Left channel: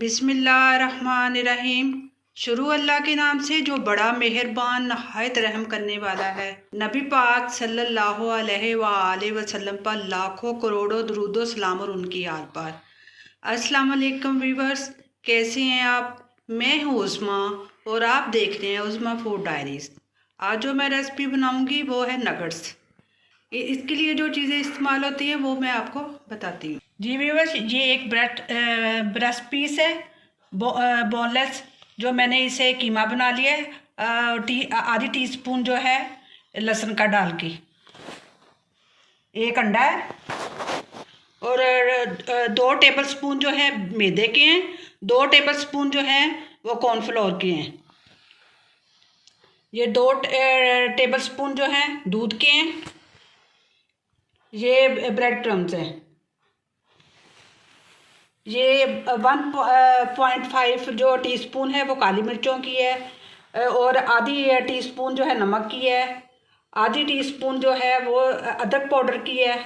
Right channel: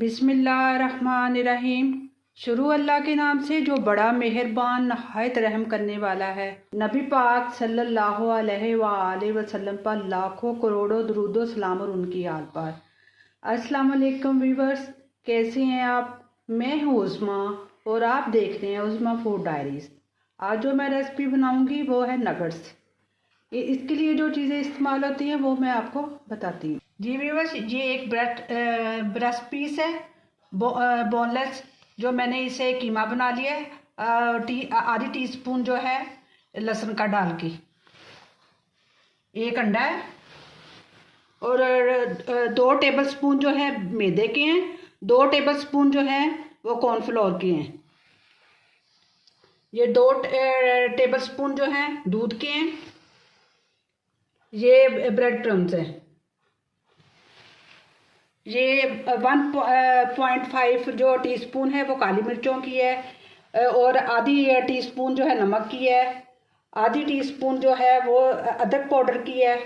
बिस्मिल्लाहिर्रहमानिर्रहीम। शुरू अल्लाह के नाम से जो बड़ा मेहरबान नहायत रहम करने वाला है। नबी पाक सल्लल्लाहु अलैहि वसल्लम पर लाखों करोड़ों दुरूदो सलाम और उनकी आल पर। अस्सलाम वालेकुम व्यूवर्स, कैसे हैं आप? मैं हूँ उस्मा और आप देख रहे हैं उस्मा फूड डायरीज़। आज जो मैं रेसिपी बनाऊंगी वो है नगट्स। इसके लिए जो चीज़ें इस्तेमाल होती हैं वो मैं आपको बताती हूँ। जी व्यूअर्स, ये एक ब्रेस्ट पीस है बोनलेस, जो मैंने इसे कीमा बना लिया है। आधी टीस्पून जो है लहसुन का डाल के, एक अंडा है और 2 टेबलस्पून जो है मैदे के हैं, 2 टेबलस्पून जो हैं वो कॉर्नफ्लोर के हैं। ये 2 टेबलस्पून जो हैं दूध के हैं। ये ब्रेड क्रम्स हैं। ये 1.5 जो टीस्पून है वो काली मिर्चों की है और आधी टीस्पून जो है नमक की है। आधी टीस्पून जो है वो अदरक पाउडर की है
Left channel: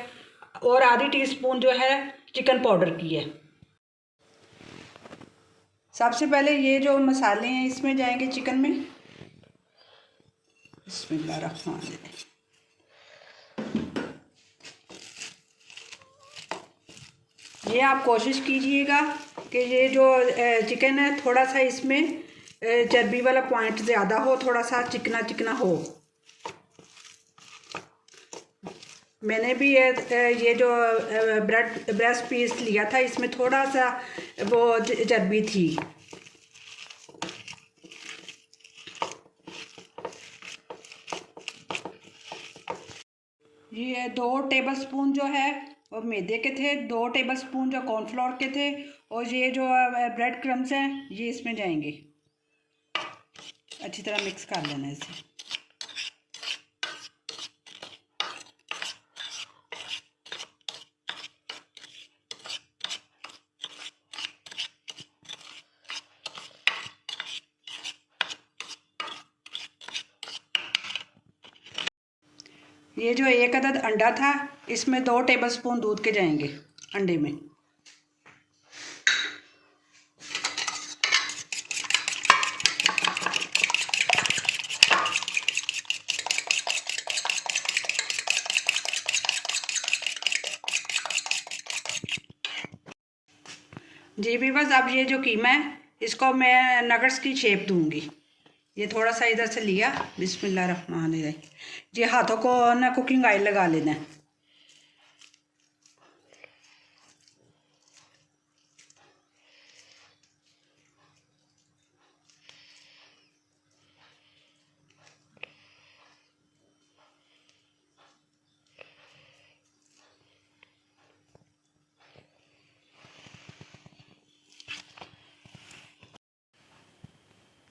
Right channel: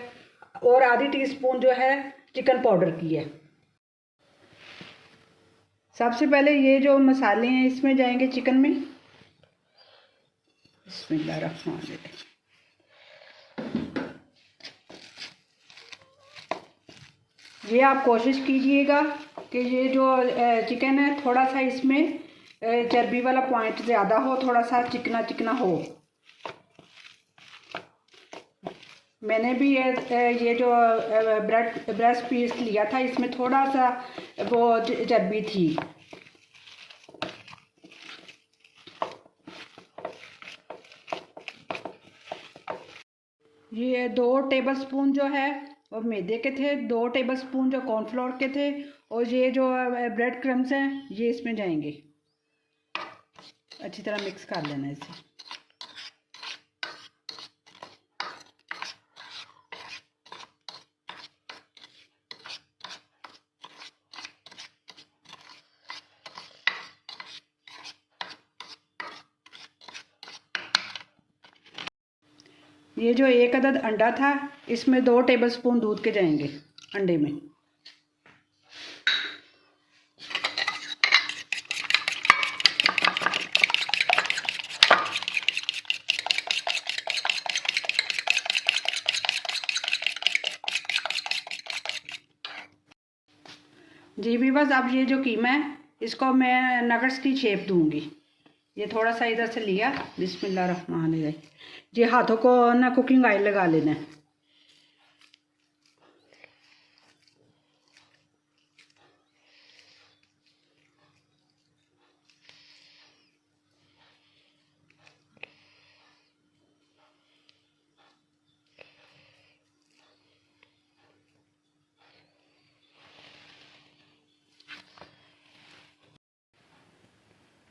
और आधी टीस्पून जो है चिकन पाउडर की है। सबसे पहले ये जो मसाले हैं इसमें जाएंगे चिकन में। बिस्मिल्लाहिर्रहमानिर्रहीम। ये आप कोशिश कीजिएगा कि ये जो चिकन है थोड़ा सा इसमें चर्बी वाला पॉइंट ज़्यादा हो, थोड़ा सा चिकना चिकना हो। मैंने भी ये जो ब्रेस्ट पीस लिया था इसमें थोड़ा सा वो चर्बी थी। ये 2 टेबलस्पून जो है और मैदे के थे, 2 टेबलस्पून जो कॉर्नफ्लोर के थे और ये जो ब्रेड क्रम्स हैं ये इसमें जाएंगे। अच्छी तरह मिक्स कर लेना इसे। ये जो एक अदद अंडा था इसमें 2 टेबलस्पून दूध के जाएंगे अंडे में। जी भी बस, अब ये जो कीमा है इसको मैं नगट्स की शेप दूंगी। ये थोड़ा सा इधर से लिया, बिस्मिल्लाहिर्रहमानिर्रहीम। ये हाथों को ना कुकिंग ऑयल लगा लेना है।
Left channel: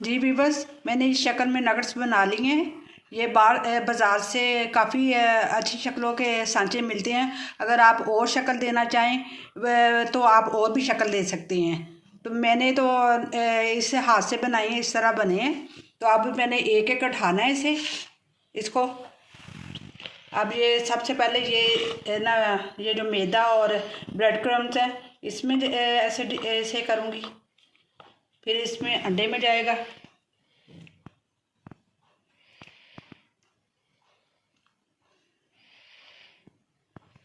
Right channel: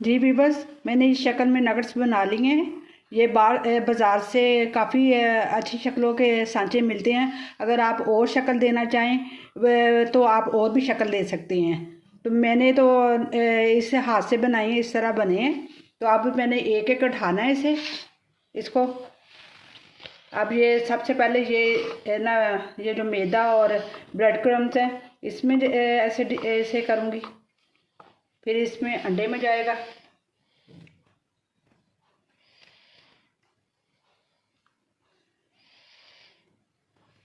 जी भी बस, मैंने इस शक्ल में नगट्स बना लिए हैं। ये बाज़ार से काफ़ी अच्छी शक्लों के सांचे मिलते हैं। अगर आप और शक्ल देना चाहें तो आप और भी शक्ल दे सकते हैं। तो मैंने तो इस हाथ से बनाए हैं, इस तरह बने हैं। तो अब मैंने एक एक उठाना है इसको। अब ये सबसे पहले ये ना, ये जो मैदा और ब्रेड क्रम्स हैं इसमें ऐसे करूँगी। फिर इसमें अंडे में जाएगा।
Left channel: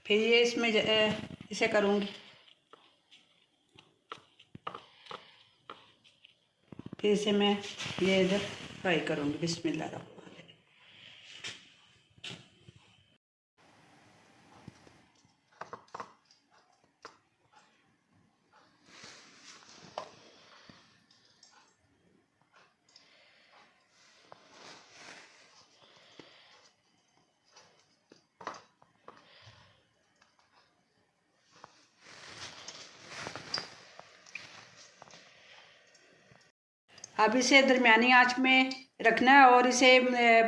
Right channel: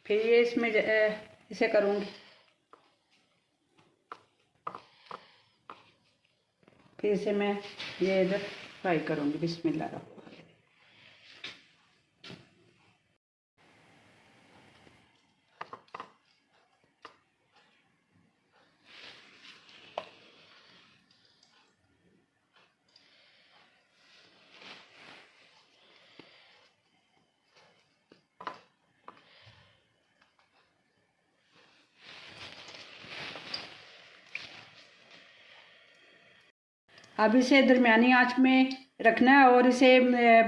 फिर ये इसमें इसे करूँगी। फिर इसे मैं ये इधर फ्राई करूँगी। बिस्मिल्लाह। अब इसे दरमियानी आंच में रखना है और इसे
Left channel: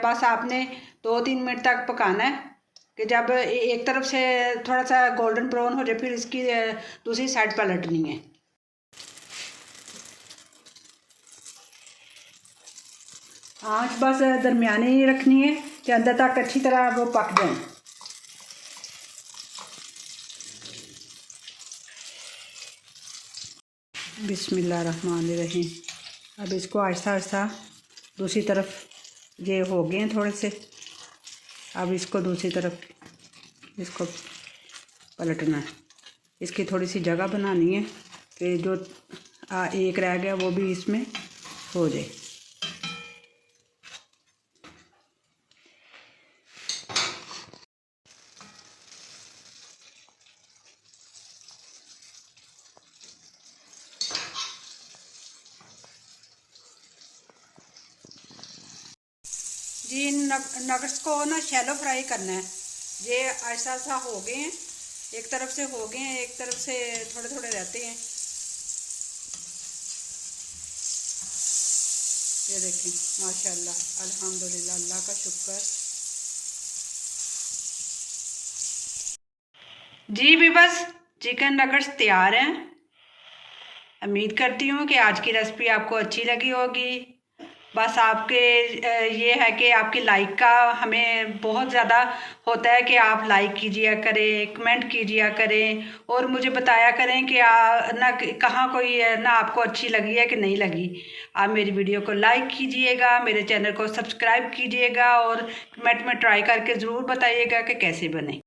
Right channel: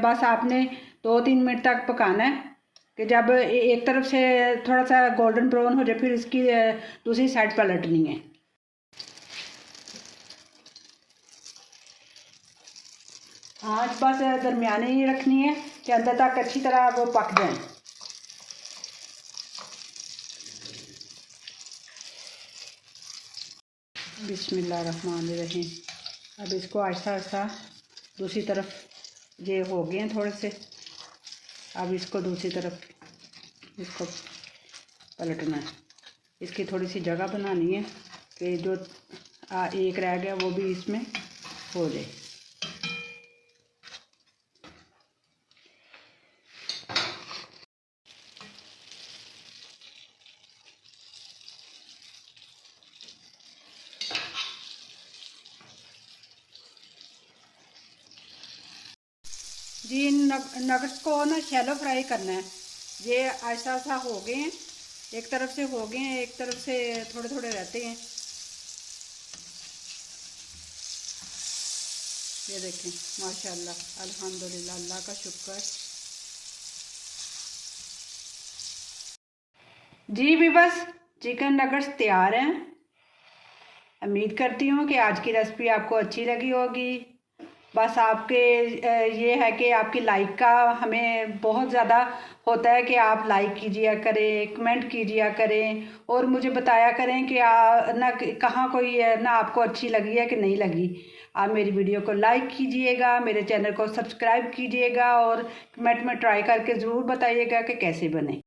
बस आपने 2-3 मिनट तक पकाना है कि जब एक तरफ से थोड़ा सा गोल्डन ब्राउन हो जाए फिर इसकी दूसरी साइड पलटनी है। आंच बस दरमियानी ही रखनी है कि अंदर तक अच्छी तरह वो पक जाए। बिस्मिल्लाहिर्रहमानिर्रहीम। अब इसको आहिस्ता आहिस्ता दूसरी तरफ ये हो गए हैं थोड़े से, अब इसको दूसरी तरफ इसको पलटना है। इसकी थोड़ी सी जगह बनानी है कि जो एक रह गया वो भी इसमें हो जाए। जी नगर्स को ना शैलो फ्राई करना है। ये ऐसा ऐसा हो गए हैं, एक तरफ से हो गए हैं, एक तरफ से थोड़े थोड़े रहते हैं। ये देखें माशाल्लाह, अल्हम्दुलिल्लाह, अल्लाह का शुक्र। जी भी बस चिकन नगर्स तैयार हैं। उम्मीद करती हूँ कि आज की रेसिपी आपको अच्छी लगी होगी। बस आपके ये है कि आपकी लाइक का हमें बहुत ज़्यादा होता है कि आप लाइक कीजिए करें, कमेंट कीजिए करें और मुझे बताया करें कि ना कहाँ कोई ना आपको अच्छी लगी है कि नहीं लगी। आप मेरी वीडियो को लाइक कीजिएगा, मेरे चैनल को सब्सक्राइब कीजिएगा और कमेंट में ट्राई करके ज़रूर बताइएगा कि कैसे बने।